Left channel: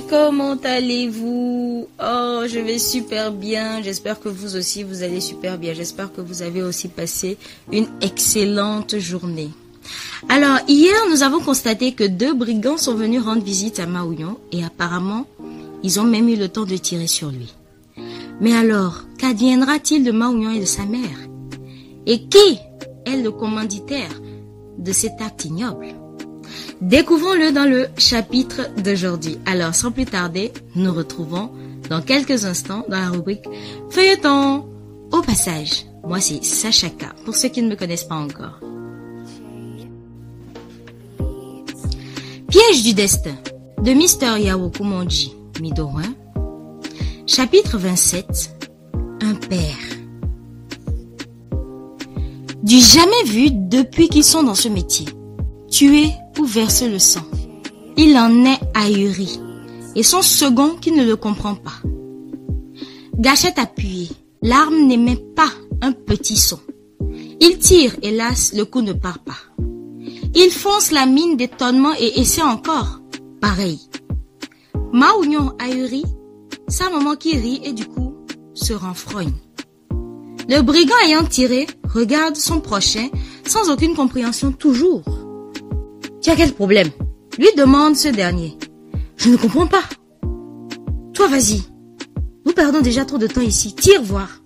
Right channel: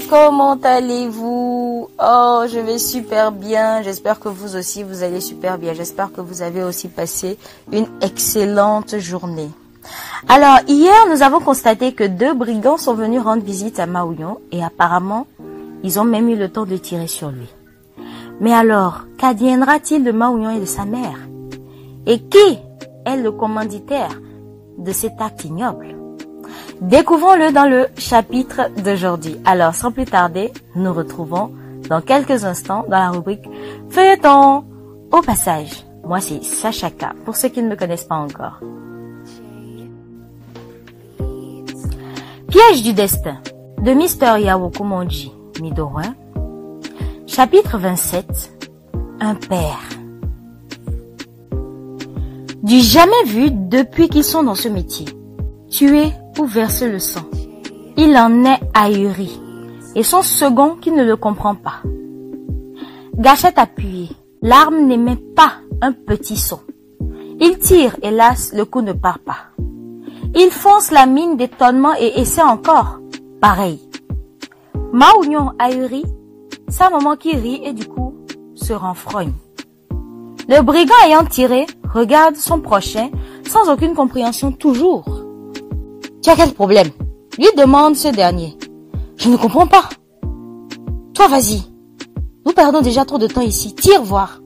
amis, comment allez-vous? Oh, je vais super bien. J'espère que vous aussi, vous allez super bien. J'espère que vous avez aussi passé une excellente journée. Alors, hier, nous avons constaté que 2 brigands sont venus rendre visite à Maouillon et apparemment, ils ont même eu le temps de tirer sur lui. Mais alors, qu'adviendra-t-il de Maouillon et de sa mère? Et qui est le commanditaire de cet acte ignoble? Découvrons-le dans le chapitre d'aujourd'hui. Alors, sans plus tarder, nous nous retrouvons dans quelques instants dans la rubrique Feuilleton. Au passage, moi c'est Sacha K, pour ceux qui ne me connaissent pas encore. Piège du destin de Mr. Yao Kumonji Midorun. Chapitre 27. Un père. Du jamais vu depuis qu'ils sont dans ce métier. Tuer ou verser le sang. Il en est ahuri. Et son second qui ne le comprend pas. Gâchette appuyée. L'arme n'émet pas un petit son. Il tire, hélas, le coup ne part pas. Il fonce la mine d'étonnement et essaie encore. Pareil. Maouillon ahuri, sa maman qui rit et du coup se renfrogne. Le brigand ayant tiré regarde son prochain sans aucune compréhension toujours. Tu as quel problème? Lui demande ce dernier. Je ne comprends pas. Toi, vas-y. Nous perdons déjà trop de temps ici. Tire voir.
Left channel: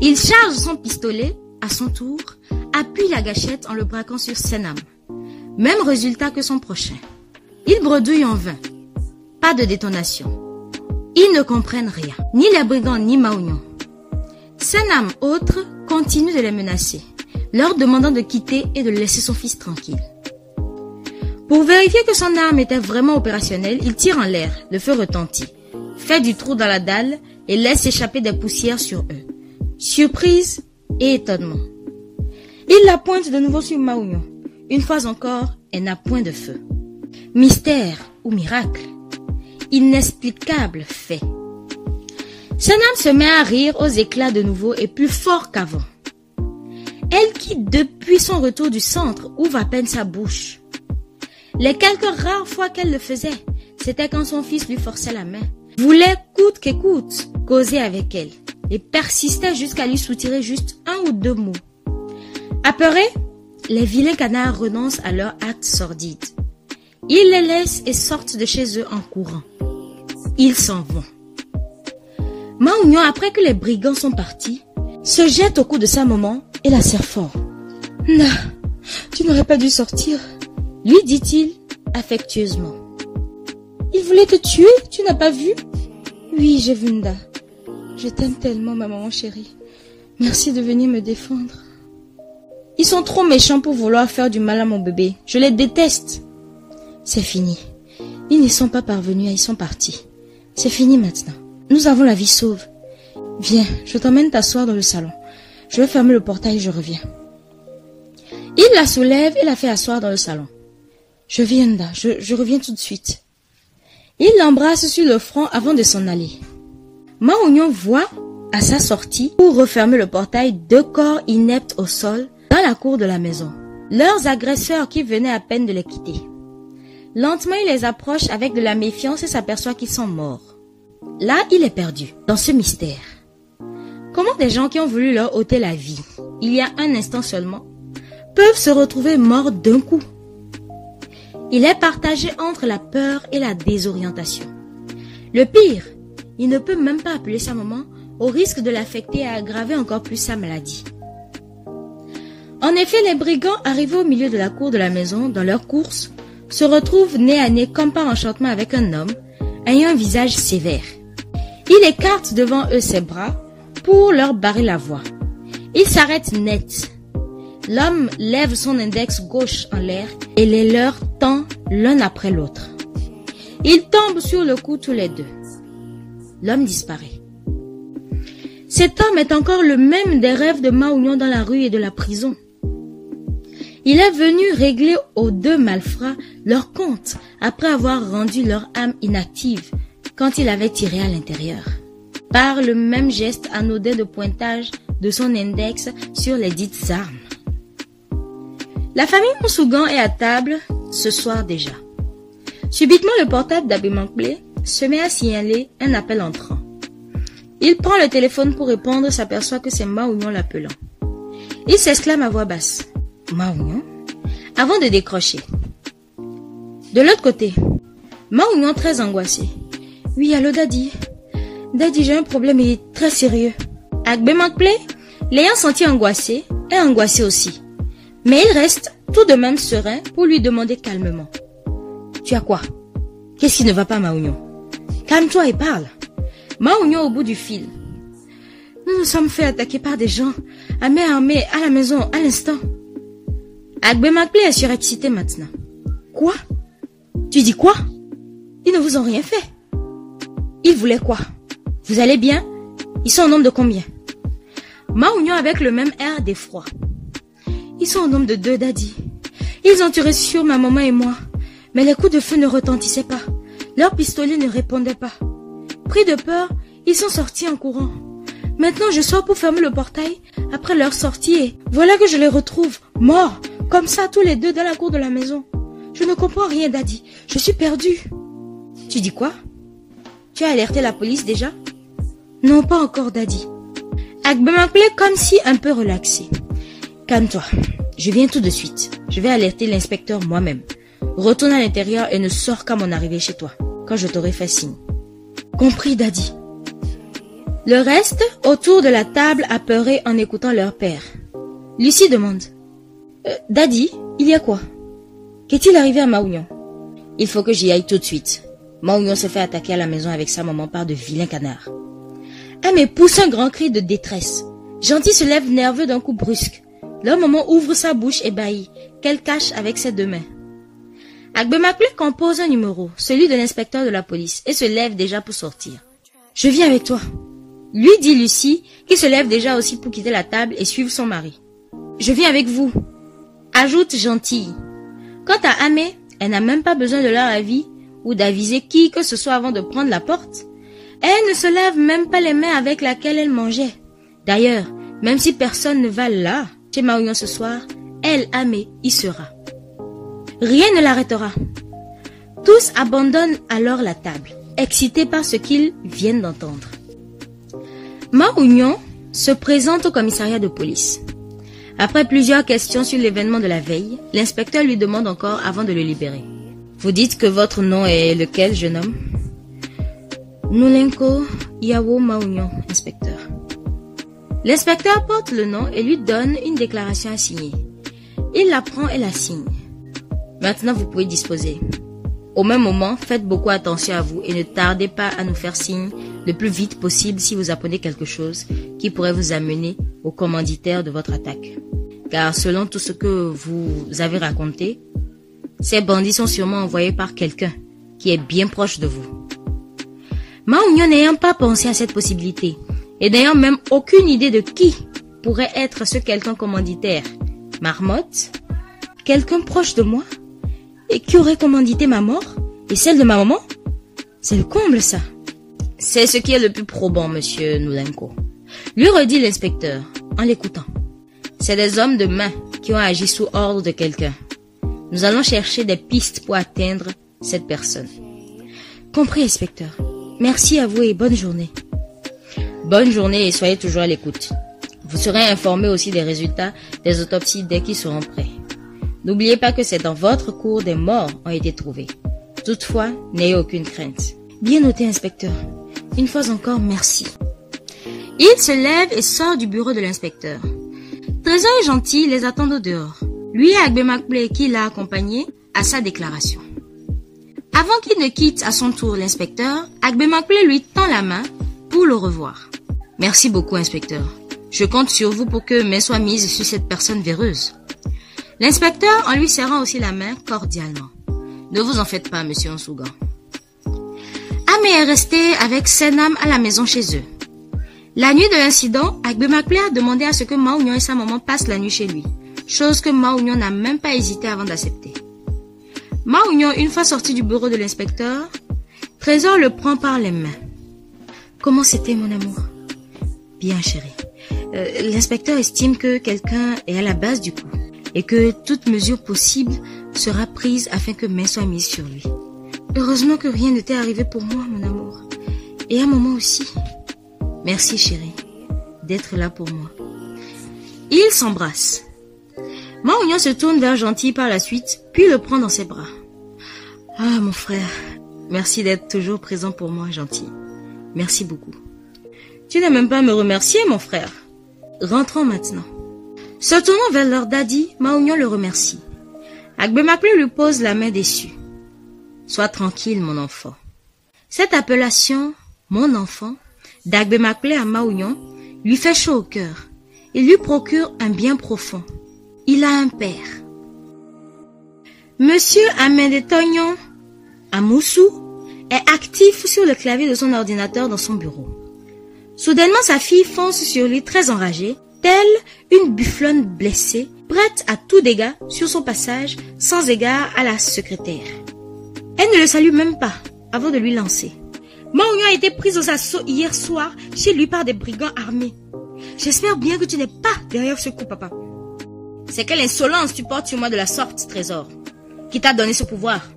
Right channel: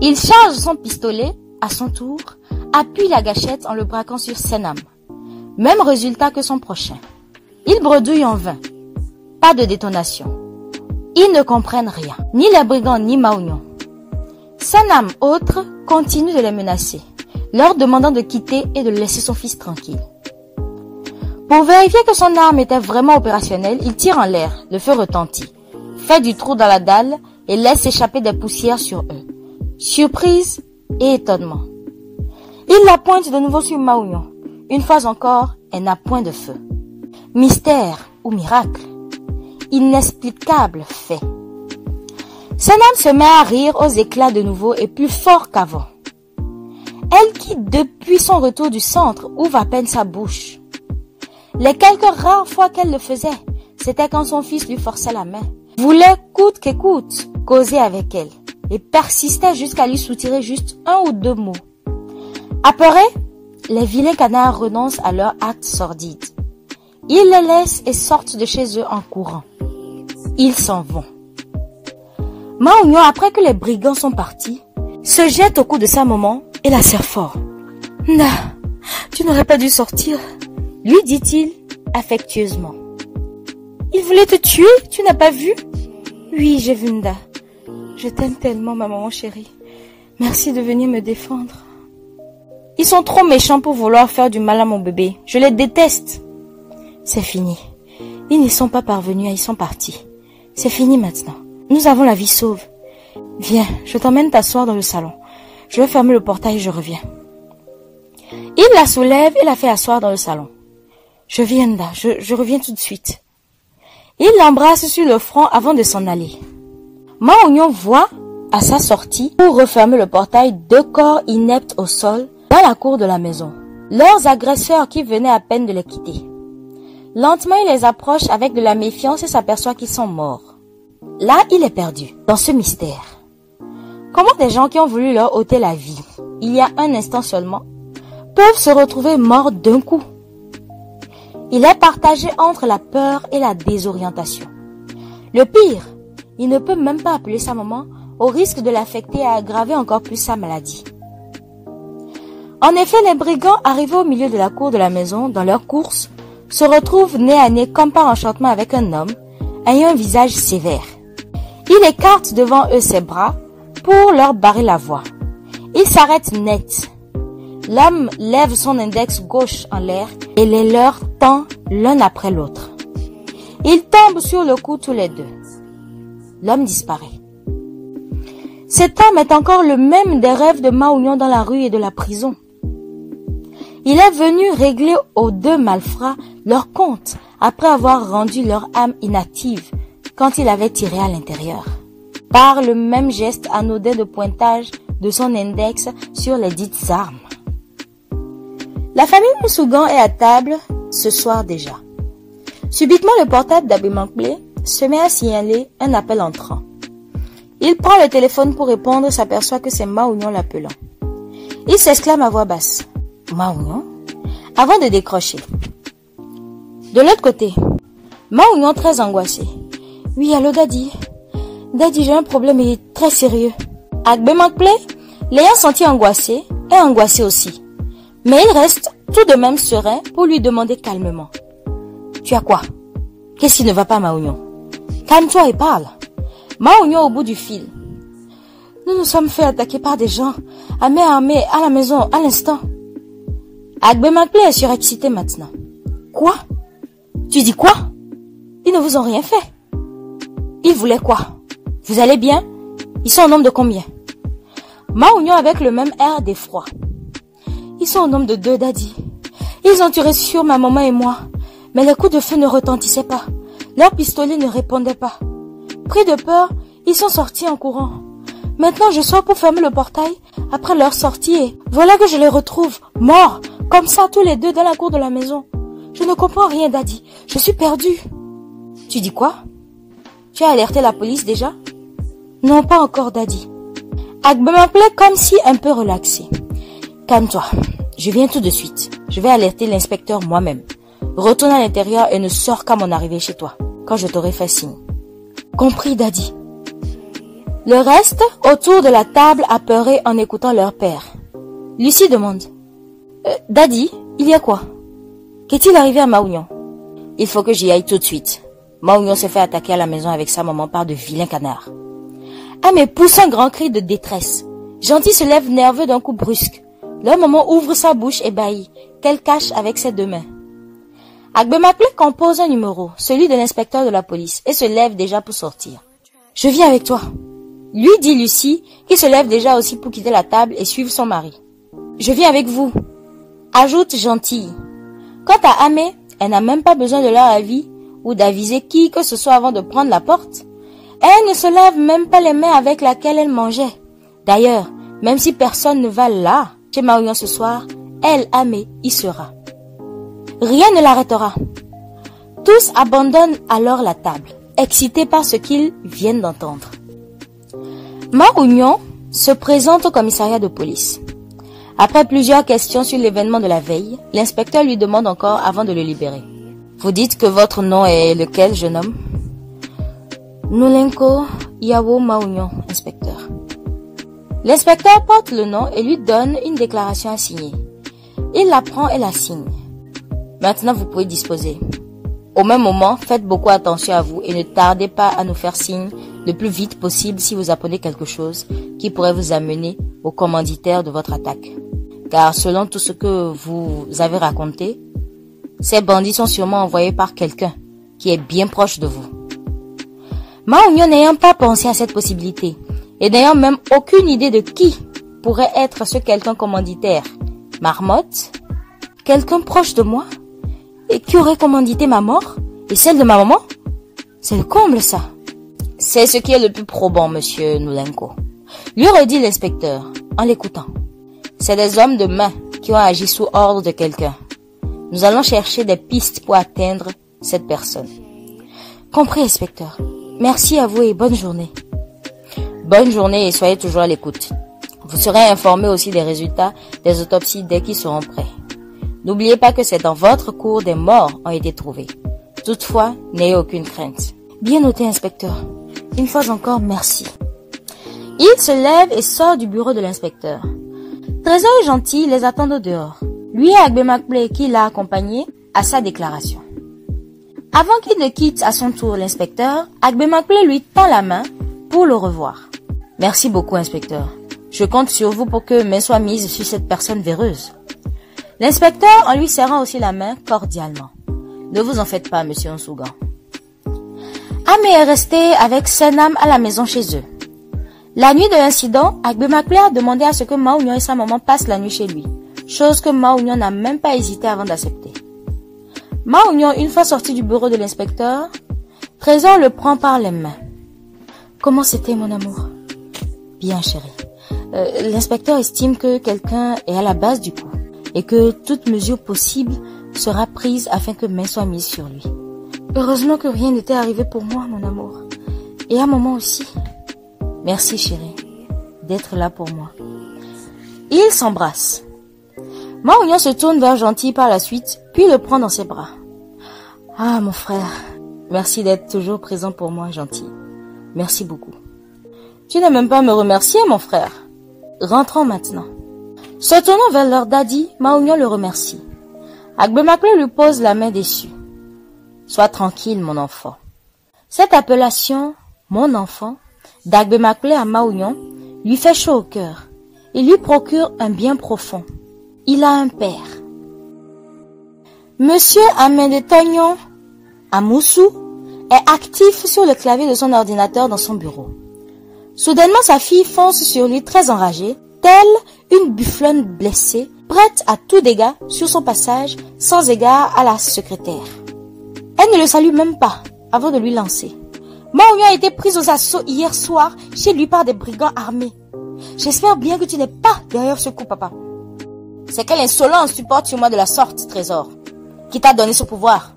Il charge son pistolet, à son tour, appuie la gâchette en le braquant sur Senam. Même résultat que son prochain. Il bredouille en vain. Pas de détonation. Ils ne comprennent rien. Ni les brigands, ni Maouillon. Senam, autre, continue de les menacer, leur demandant de quitter et de laisser son fils tranquille. Pour vérifier que son arme était vraiment opérationnelle, il tire en l'air, le feu retentit, fait du trou dans la dalle et laisse échapper des poussières sur eux. Surprise et étonnement. Il la pointe de nouveau sur Maouillon. Une fois encore, elle n'a point de feu. Mystère ou miracle. Inexplicable fait. Senam se met à rire aux éclats de nouveau et plus fort qu'avant. Elle qui, depuis son retour du centre, ouvre à peine sa bouche. Les quelques rares fois qu'elle le faisait, c'était quand son fils lui forçait la main, voulait coûte que coûte causer avec elle et persistait jusqu'à lui soutirer juste 1 ou 2 mots. Apeurés, les vilains canards renoncent à leur acte sordide. Ils les laissent et sortent de chez eux en courant. Ils s'en vont. Maouillon, après que les brigands sont partis, se jette au cou de sa maman et la serre fort. « Nda, tu n'aurais pas dû sortir » lui dit-il affectueusement. « Il voulait te tuer, tu n'as pas vu ?»« Oui, j'ai vu Nda. Je t'aime tellement, ma maman chérie. Merci de venir me défendre. » « Ils sont trop méchants pour vouloir faire du mal à mon bébé. Je les déteste. » « C'est fini. Ils n'y sont pas parvenus, ils sont partis. C'est fini maintenant. Nous avons la vie sauve. Viens, je t'emmène t'asseoir dans le salon. Je vais fermer le portail et je reviens. » Il la soulève et la fait asseoir dans le salon. « Je viens, Nda, je reviens tout de suite. » Il l'embrasse sur le front avant de s'en aller. Maouillon voit, à sa sortie, pour refermer le portail, 2 corps ineptes au sol dans la cour de la maison. Leurs agresseurs qui venaient à peine de les quitter. Lentement, il les approche avec de la méfiance et s'aperçoit qu'ils sont morts. Là, il est perdu, dans ce mystère. Comment des gens qui ont voulu leur ôter la vie, il y a un instant seulement, peuvent se retrouver morts d'un coup? Il est partagé entre la peur et la désorientation. Le pire, il ne peut même pas appeler sa maman au risque de l'affecter et aggraver encore plus sa maladie. En effet, les brigands arrivés au milieu de la cour de la maison, dans leur course, se retrouvent nez à nez comme par enchantement avec un homme ayant un visage sévère. Il écarte devant eux ses bras pour leur barrer la voie. Il s'arrête net. L'homme lève son index gauche en l'air et les leur tend l'un après l'autre. Ils tombent sur le cou tous les 2. L'homme disparaît. Cet homme est encore le même des rêves de Maouillon dans la rue et de la prison. Il est venu régler aux 2 malfrats leur compte après avoir rendu leur âme inactive quand il avait tiré à l'intérieur. Par le même geste anodin de pointage de son index sur les dites armes. La famille Moussougan est à table ce soir déjà. Subitement, le portable d'Agbemankplé se met à signaler un appel entrant. Il prend le téléphone pour répondre et s'aperçoit que c'est Maounion l'appelant. Il s'exclame à voix basse. Maounion? Avant de décrocher. De l'autre côté, Maounion très angoissé. Oui, allô Daddy. Daddy, j'ai un problème et très sérieux. Agbemankplé, l'ayant senti angoissé, est angoissé aussi. Mais il reste tout de même serein pour lui demander calmement. Tu as quoi? Qu'est-ce qui ne va pas, Maounion? Calme-toi et parle. Maounion au bout du fil. Nous nous sommes fait attaquer par des gens à main armée à la maison à l'instant. Agbemankplé est surexcité maintenant. Quoi? Tu dis quoi? Ils ne vous ont rien fait. Ils voulaient quoi? Vous allez bien? Ils sont au nombre de combien? Maounion avec le même air d'effroi. Ils sont au nombre de 2, Daddy. Ils ont tiré sur ma maman et moi. Mais les coups de feu ne retentissaient pas. Leurs pistolets ne répondaient pas. Pris de peur, ils sont sortis en courant. Maintenant, je sors pour fermer le portail après leur sortie et voilà que je les retrouve, morts, comme ça, tous les 2 dans la cour de la maison. Je ne comprends rien, Daddy. Je suis perdue. Tu dis quoi? Tu as alerté la police déjà? Non, pas encore, Daddy. Agbemankplé comme si un peu relaxé. Calme-toi. Je viens tout de suite. Je vais alerter l'inspecteur moi-même. Retourne à l'intérieur et ne sors qu'à mon arrivée chez toi, quand je t'aurai fait signe. Compris, Daddy. Le reste, autour de la table, apeurés en écoutant leur père. Lucie demande. Daddy, il y a quoi? Qu'est-il arrivé à Maounion? Il faut que j'y aille tout de suite. Maounion s'est fait attaquer à la maison avec sa maman par de vilains canards. Ah mais pousse un grand cri de détresse. Gentil se lève nerveux d'un coup brusque. Leur maman ouvre sa bouche ébahie, qu'elle cache avec ses 2 mains. Agbemankplé compose un numéro, celui de l'inspecteur de la police, et se lève déjà pour sortir. Je viens avec toi. Lui dit Lucie, qui se lève déjà aussi pour quitter la table et suivre son mari. Je viens avec vous. Ajoute Gentille. Quant à Amé, elle n'a même pas besoin de leur avis ou d'aviser qui que ce soit avant de prendre la porte. Elle ne se lève même pas les mains avec laquelle elle mangeait. D'ailleurs, même si personne ne va là, chez Maounion ce soir, elle, Amé, y sera. Rien ne l'arrêtera. Tous abandonnent alors la table, excités par ce qu'ils viennent d'entendre. Maounion se présente au commissariat de police. Après plusieurs questions sur l'événement de la veille, l'inspecteur lui demande encore avant de le libérer. Vous dites que votre nom est lequel, jeune homme? Noulenko Yawo Maounion, inspecteur. L'inspecteur porte le nom et lui donne une déclaration à signer. Il la prend et la signe. Maintenant, vous pouvez disposer. Au même moment, faites beaucoup attention à vous et ne tardez pas à nous faire signe le plus vite possible si vous apprenez quelque chose qui pourrait vous amener au commanditaire de votre attaque. Car selon tout ce que vous avez raconté, ces bandits sont sûrement envoyés par quelqu'un qui est bien proche de vous. Maounion n'ayant pas pensé à cette possibilité et n'ayant même aucune idée de qui pourrait être ce quelqu'un commanditaire, Marmotte, quelqu'un proche de moi et qui aurait commandité ma mort et celle de ma maman? C'est le comble, ça. C'est ce qui est le plus probant, monsieur Noulenko. Lui redit l'inspecteur, en l'écoutant. C'est des hommes de main qui ont agi sous ordre de quelqu'un. Nous allons chercher des pistes pour atteindre cette personne. Compris, inspecteur. Merci à vous et bonne journée. Bonne journée et soyez toujours à l'écoute. Vous serez informé aussi des résultats des autopsies dès qu'ils seront prêts. N'oubliez pas que c'est dans votre cour des morts ont été trouvés. Toutefois, n'ayez aucune crainte. Bien noté, inspecteur. Une fois encore, merci. Il se lève et sort du bureau de l'inspecteur. Trésor et Gentil les attendent au dehors. Lui et Agbemankplé, qui l'a accompagné, à sa déclaration. Avant qu'il ne quitte à son tour l'inspecteur, Agbemankplé lui tend la main pour le revoir. Merci beaucoup, inspecteur. Je compte sur vous pour que main soit mise sur cette personne véreuse. L'inspecteur en lui serrant aussi la main cordialement. Ne vous en faites pas, monsieur Nsougan. Amé est resté avec Senam à la maison chez eux. La nuit de l'incident, Agbemankplé a demandé à ce que Maounion et sa maman passent la nuit chez lui, chose que Maounion n'a même pas hésité avant d'accepter. Maounion, une fois sorti du bureau de l'inspecteur, Trésor le prend par les mains. Comment c'était, mon amour? Bien, chérie. L'inspecteur estime que quelqu'un est à la base du coup et que toute mesure possible sera prise afin que main soit mise sur lui. Heureusement que rien ne t'est arrivé pour moi, mon amour. Et à maman aussi. Merci, chérie, d'être là pour moi. Ils s'embrassent. Mao-Union se tourne vers Gentil par la suite, puis le prend dans ses bras. Ah, mon frère, merci d'être toujours présent pour moi, Gentil. Merci beaucoup. Tu n'as même pas à me remercier, mon frère. Rentrons maintenant. Se tournant vers leur daddy, Mao-Union le remercie. Agbemakle lui pose la main déçue. Sois tranquille, mon enfant. Cette appellation, mon enfant, d'Agbemakle à Mao-Union, lui fait chaud au cœur. Il lui procure un bien profond. Il a un père. Monsieur Amedetognon Amoussou est actif sur le clavier de son ordinateur dans son bureau. Soudainement, sa fille fonce sur lui très enragée, telle une bufflonne blessée, prête à tout dégât sur son passage, sans égard à la secrétaire. Elle ne le salue même pas avant de lui lancer. Mao-Union a été prise aux assauts hier soir chez lui par des brigands armés. J'espère bien que tu n'es pas derrière ce coup, papa. C'est quelle insolence tu portes sur moi de la sorte, Trésor? Qui t'a donné ce pouvoir?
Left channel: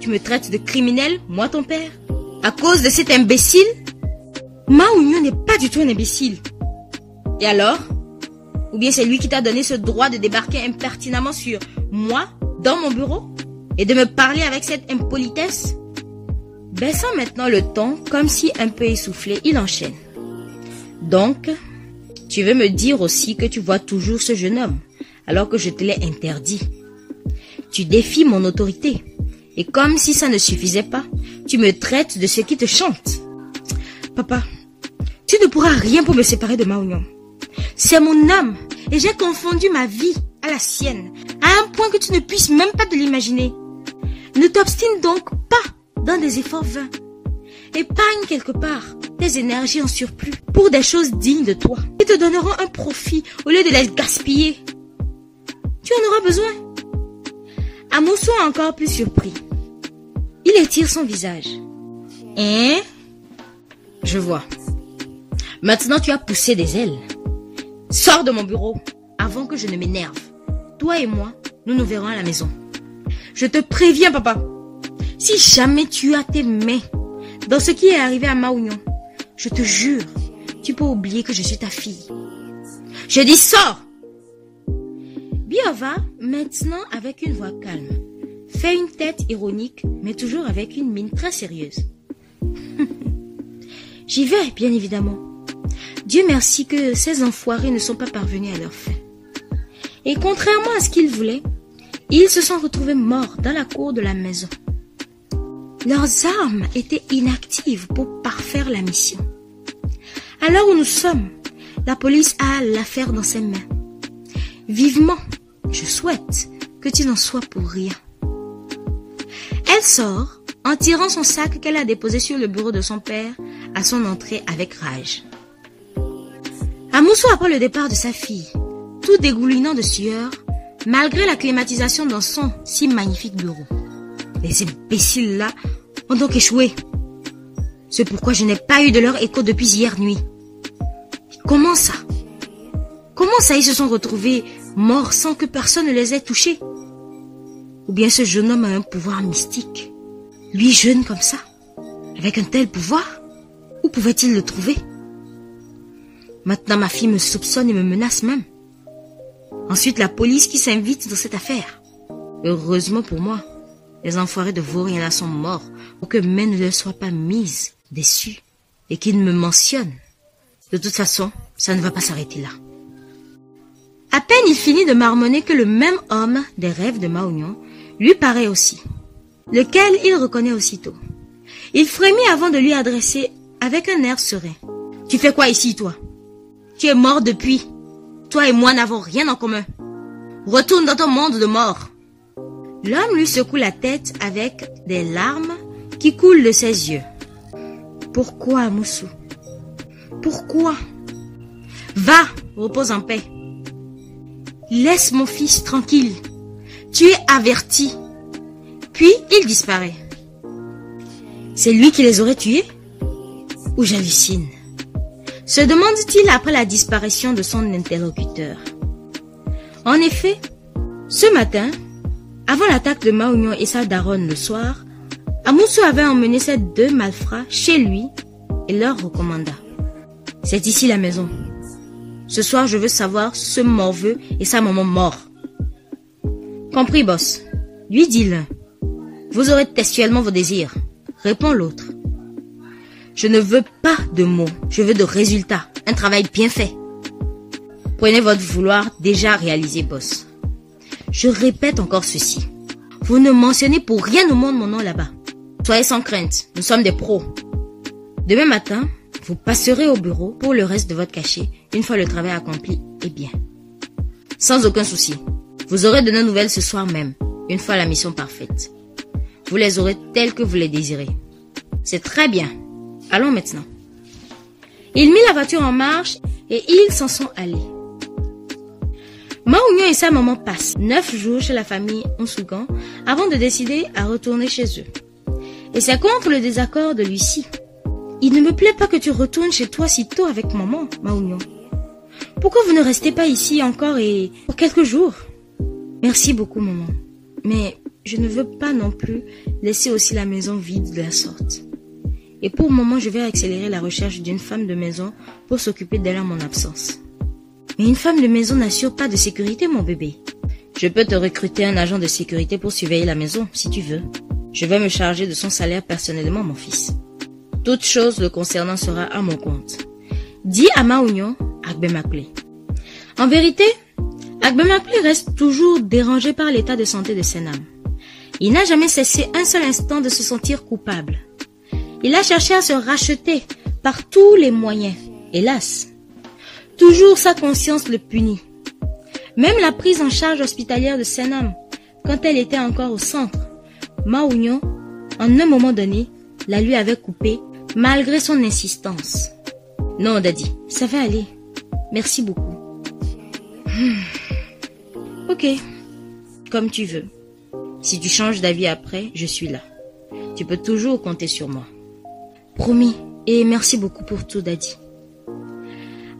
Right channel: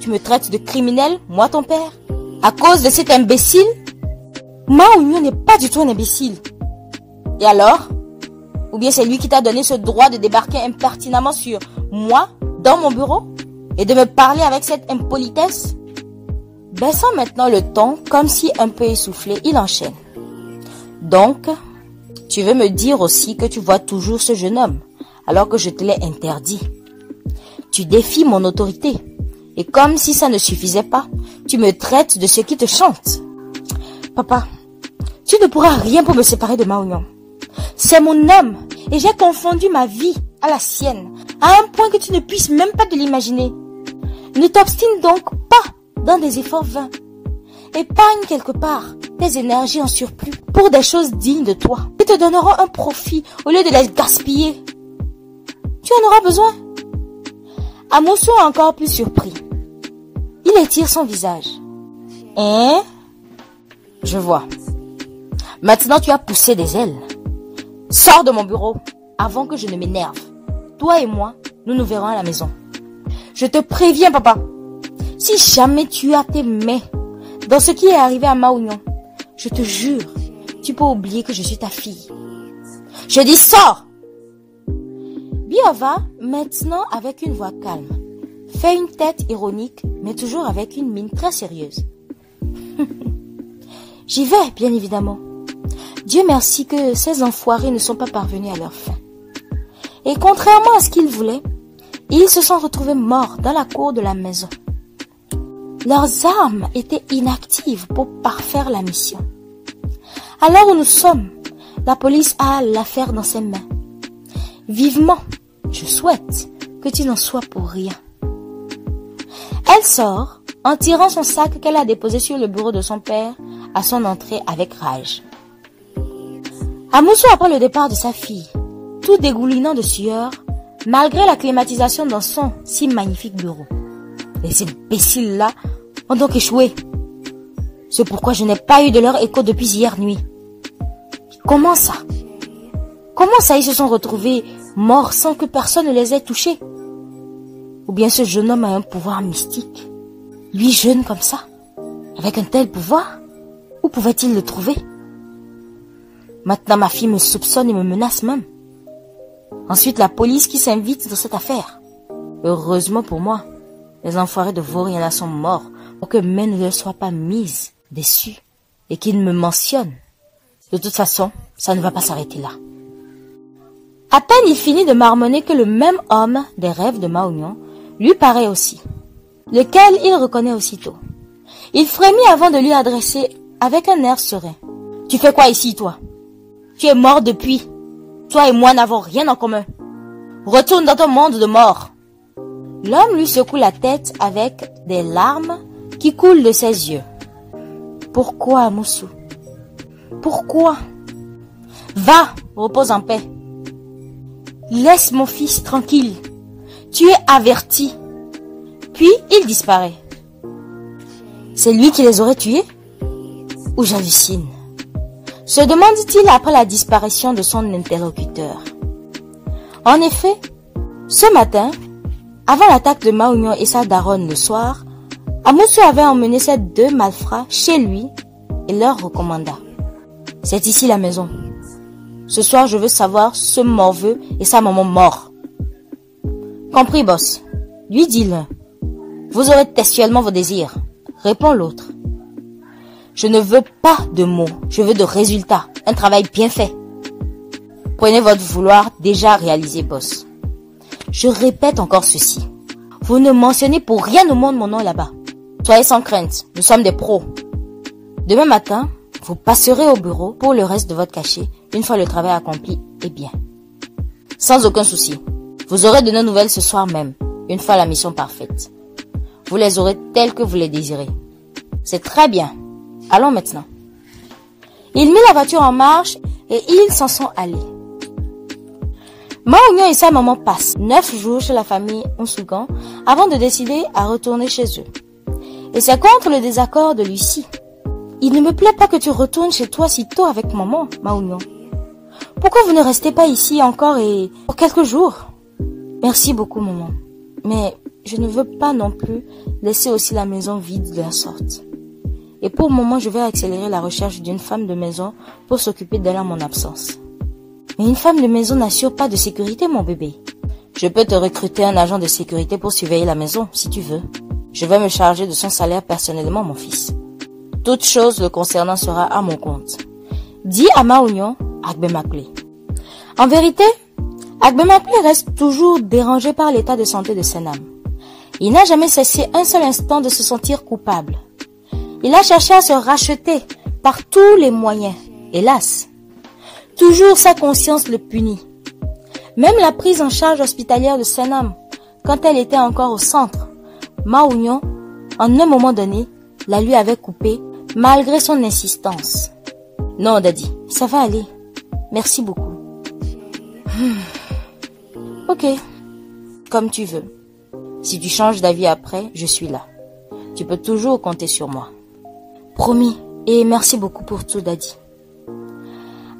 Tu me traites de criminel, moi ton père? À cause de cet imbécile? Mao-Union n'est pas du tout un imbécile. Et alors? Ou bien c'est lui qui t'a donné ce droit de débarquer impertinemment sur moi, dans mon bureau, et de me parler avec cette impolitesse? Baissant maintenant le ton, comme si un peu essoufflé, il enchaîne. Donc, tu veux me dire aussi que tu vois toujours ce jeune homme, alors que je te l'ai interdit. Tu défies mon autorité. Et comme si ça ne suffisait pas, tu me traites de ce qui te chante. Papa, tu ne pourras rien pour me séparer de Mao-Union. C'est mon âme et j'ai confondu ma vie à la sienne, à un point que tu ne puisses même pas te l'imaginer. Ne t'obstine donc pas dans des efforts vains. Épargne quelque part tes énergies en surplus pour des choses dignes de toi qui te donneront un profit au lieu de les gaspiller. Tu en auras besoin. Amoussou est encore plus surpris. Il étire son visage. Hein? Je vois. Maintenant tu as poussé des ailes. Sors de mon bureau avant que je ne m'énerve. Toi et moi, nous nous verrons à la maison. Je te préviens, papa. Si jamais tu as tes mains dans ce qui est arrivé à Mao-Union, je te jure, tu peux oublier que je suis ta fille. Je dis sors! Biova, maintenant avec une voix calme, fait une tête ironique, mais toujours avec une mine très sérieuse. J'y vais, bien évidemment. Dieu merci que ces enfoirés ne sont pas parvenus à leur fin. Et contrairement à ce qu'ils voulaient, ils se sont retrouvés morts dans la cour de la maison. Leurs armes étaient inactives pour parfaire la mission. À l'heure où nous sommes, la police a l'affaire dans ses mains. Vivement, je souhaite que tu n'en sois pour rien. Elle sort en tirant son sac qu'elle a déposé sur le bureau de son père à son entrée avec rage. Amoussou apprend le départ de sa fille, tout dégoulinant de sueur, malgré la climatisation dans son si magnifique bureau. Les imbéciles-là ont donc échoué. C'est pourquoi je n'ai pas eu de leur écho depuis hier nuit. Comment ça? Comment ça ils se sont retrouvés morts sans que personne ne les ait touchés? Ou bien ce jeune homme a un pouvoir mystique? Lui jeune comme ça, avec un tel pouvoir? Où pouvait-il le trouver? Maintenant ma fille me soupçonne et me menace même. Ensuite la police qui s'invite dans cette affaire. Heureusement pour moi, les enfoirés de vauriens là sont morts pour que main ne leur soit pas mise dessus et qu'ils me mentionnent. De toute façon, ça ne va pas s'arrêter là. À peine il finit de marmonner que le même homme des rêves de Mao-Union lui paraît aussi, lequel il reconnaît aussitôt. Il frémit avant de lui adresser avec un air serein. « Tu fais quoi ici, toi? Tu es mort depuis. Toi et moi n'avons rien en commun. Retourne dans ton monde de mort. » L'homme lui secoue la tête avec des larmes qui coulent de ses yeux. « Pourquoi, Amoussou? Pourquoi? Va, repose en paix. Laisse mon fils tranquille. Tu es averti. » Puis il disparaît. C'est lui qui les aurait tués? Ou j'hallucine? Se demande-t-il après la disparition de son interlocuteur. En effet, ce matin, avant l'attaque de Mao-Union et sa daronne le soir, Amoussou avait emmené ces 2 malfrats chez lui et leur recommanda. C'est ici la maison. Ce soir, je veux savoir ce morveux et sa maman mort. Compris, boss. Lui dit l'un. Vous aurez textuellement vos désirs. Répond l'autre. Je ne veux pas de mots, je veux de résultats. Un travail bien fait. Prenez votre vouloir déjà réalisé, boss. Je répète encore ceci. Vous ne mentionnez pour rien au monde mon nom là-bas. Soyez sans crainte, nous sommes des pros. Demain matin, vous passerez au bureau pour le reste de votre cachet, une fois le travail accompli et bien. Sans aucun souci. Vous aurez de nos nouvelles ce soir même, une fois la mission parfaite. Vous les aurez telles que vous les désirez. C'est très bien. Allons maintenant. Il mit la voiture en marche et ils s'en sont allés. Mao Union et sa maman passent 9 jours chez la famille Onsougan avant de décider à retourner chez eux. Et c'est contre le désaccord de Lucie. Il ne me plaît pas que tu retournes chez toi si tôt avec maman, Mao Union. Pourquoi vous ne restez pas ici encore et pour quelques jours? Merci beaucoup, maman. Mais je ne veux pas non plus laisser aussi la maison vide de la sorte. Et pour le moment, je vais accélérer la recherche d'une femme de maison pour s'occuper d'elle en mon absence. Mais une femme de maison n'assure pas de sécurité, mon bébé. Je peux te recruter un agent de sécurité pour surveiller la maison, si tu veux. Je vais me charger de son salaire personnellement, mon fils. Toute chose le concernant sera à mon compte. Dit à Mao Union, Agbemakule. En vérité, Agbemakule reste toujours dérangé par l'état de santé de Senam. Il n'a jamais cessé un seul instant de se sentir coupable. Il a cherché à se racheter par tous les moyens. Hélas, toujours sa conscience le punit. Même la prise en charge hospitalière de Senam, quand elle était encore au centre, Mao Union, en un moment donné, la lui avait coupée malgré son insistance. Non, Daddy, ça va aller. Merci beaucoup. Ok, comme tu veux. Si tu changes d'avis après, je suis là. Tu peux toujours compter sur moi. Promis, et merci beaucoup pour tout, Daddy.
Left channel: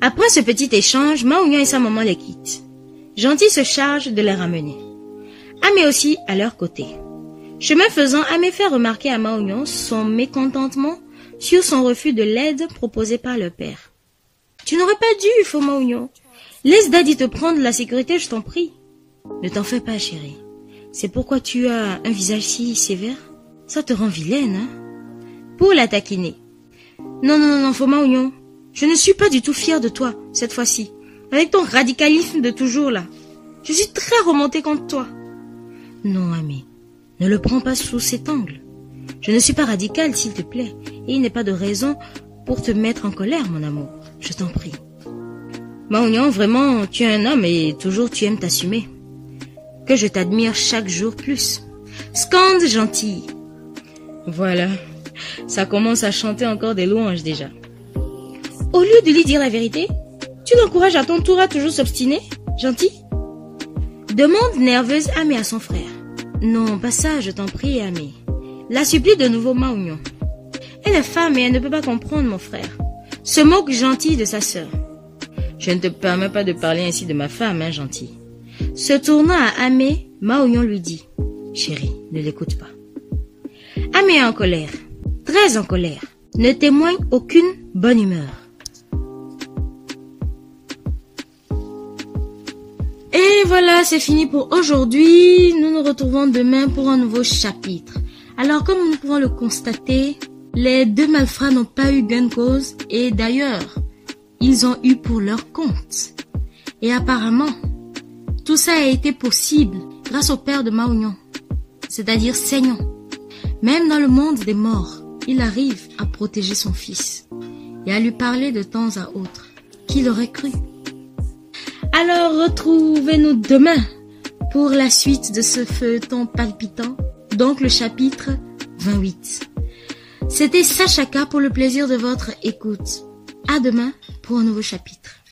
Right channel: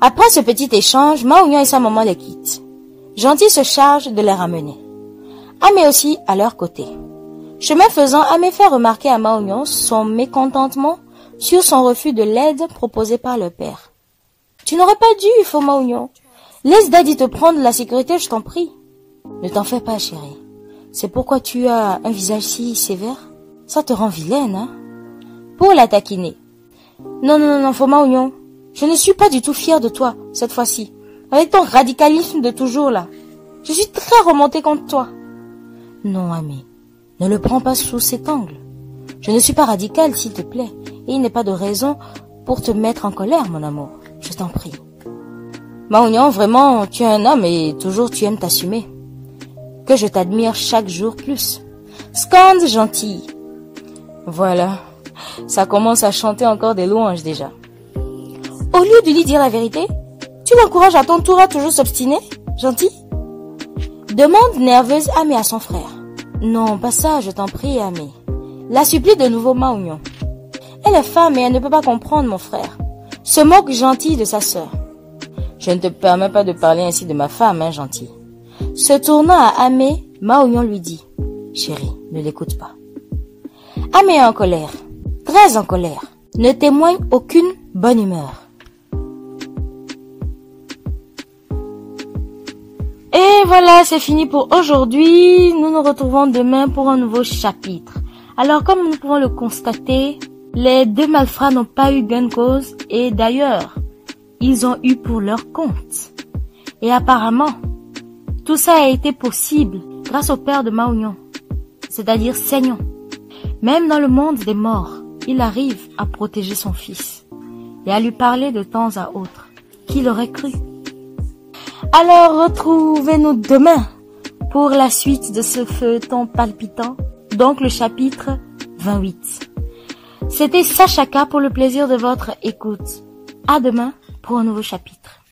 Après ce petit échange, Mao Union et sa maman les quittent. Gentil se charge de les ramener. Amé aussi à leur côté. Chemin faisant, Amé fait remarquer à Mao Union son mécontentement sur son refus de l'aide proposée par le père. Tu n'aurais pas dû, faux Mao Union. Laisse Daddy te prendre la sécurité, je t'en prie. Ne t'en fais pas, chérie. C'est pourquoi tu as un visage si sévère. Ça te rend vilaine, hein? Pour la taquiner. Non, faux Mao Union. Je ne suis pas du tout fière de toi, cette fois-ci. Avec ton radicalisme de toujours, là. Je suis très remontée contre toi. Non, Amé. Ne le prends pas sous cet angle. Je ne suis pas radicale, s'il te plaît. Et il n'est pas de raison pour te mettre en colère, mon amour. Je t'en prie. Mao Union, vraiment, tu es un homme et toujours tu aimes t'assumer. Que je t'admire chaque jour plus. Scande gentille. Voilà. Ça commence à chanter encore des louanges déjà. Au lieu de lui dire la vérité, tu l'encourages à ton tour à toujours s'obstiner, gentil? Demande nerveuse Amé à son frère. Non, pas ça, je t'en prie, Amé. La supplie de nouveau Mao Union. Elle est femme et elle ne peut pas comprendre, mon frère. Se moque gentil de sa sœur. Je ne te permets pas de parler ainsi de ma femme, hein, gentil. Se tournant à Amé, Mao Union lui dit. Chérie, ne l'écoute pas. Amé est en colère, très en colère, ne témoigne aucune bonne humeur. Et voilà, c'est fini pour aujourd'hui. Nous nous retrouvons demain pour un nouveau chapitre. Alors, comme nous pouvons le constater, les 2 malfrats n'ont pas eu gain de cause et d'ailleurs, ils ont eu pour leur compte. Et apparemment, tout ça a été possible grâce au père de Mao Union, c'est-à-dire Seignon. Même dans le monde des morts, il arrive à protéger son fils et à lui parler de temps à autre. Qui l'aurait cru? Alors retrouvez-nous demain pour la suite de ce feuilleton palpitant, donc le chapitre 28. C'était Sachaka pour le plaisir de votre écoute. À demain pour un nouveau chapitre.